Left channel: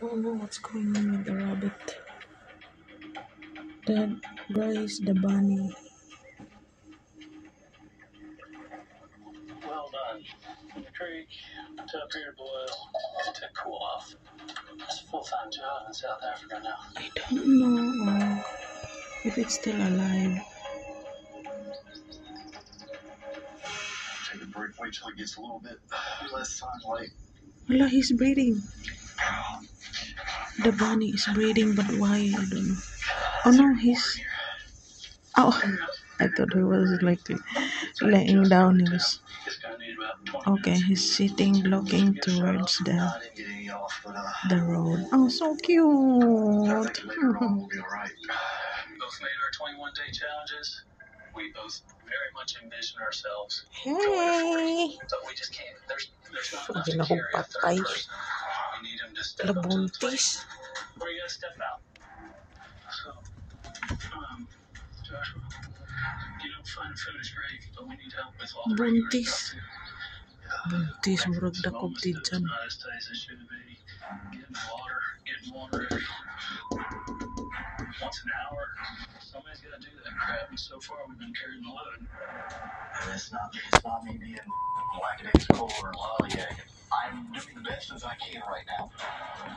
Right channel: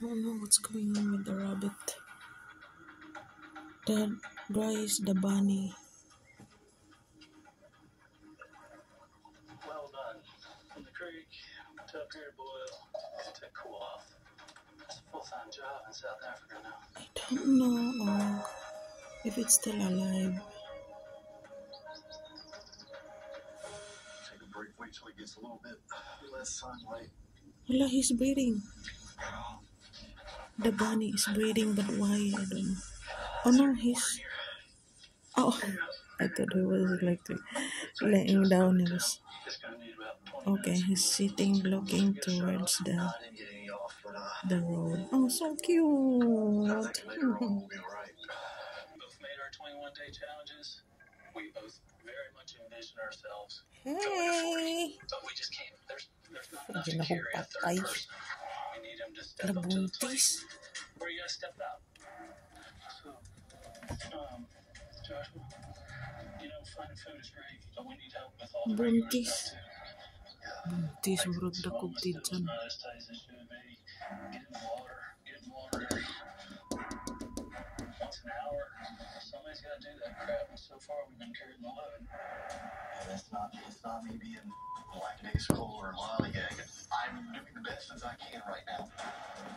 Oh no, what's going on with the rabbit? That guys, the bunny. Well done. The creek took here to boil to cool off. It's a full-time job in South Africa now. I don't know if it's still alive. Take a break, wait till it gets a little bit less sunlight. Wala, he's breathing. The bunny is breathing, but why? I don't know. Oh no, he's. Oh, I thought he was like laying down. He was. Okay, he's sitting, looking towards the road. Oh, so cute. Both made our 21-day challenges. We both very much envision ourselves. Hey! But we just can't. There's not enough Hindi to na carry a third patay. person. We need him to step up to the plate. Labuntis. Where you gotta step out. So, Joshua, finding food is great, but we need help with all the regular Buntis. stuff too. Buntis, murag dakog Almost doing dyan. not as tight as it should be. Getting water every once an hour. Somebody's got to do that crap, and so far we've been carrying the load. And it's not me being lackadaisical or lollygag. I'm doing the best as I can right now.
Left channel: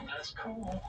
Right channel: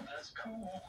That's cool.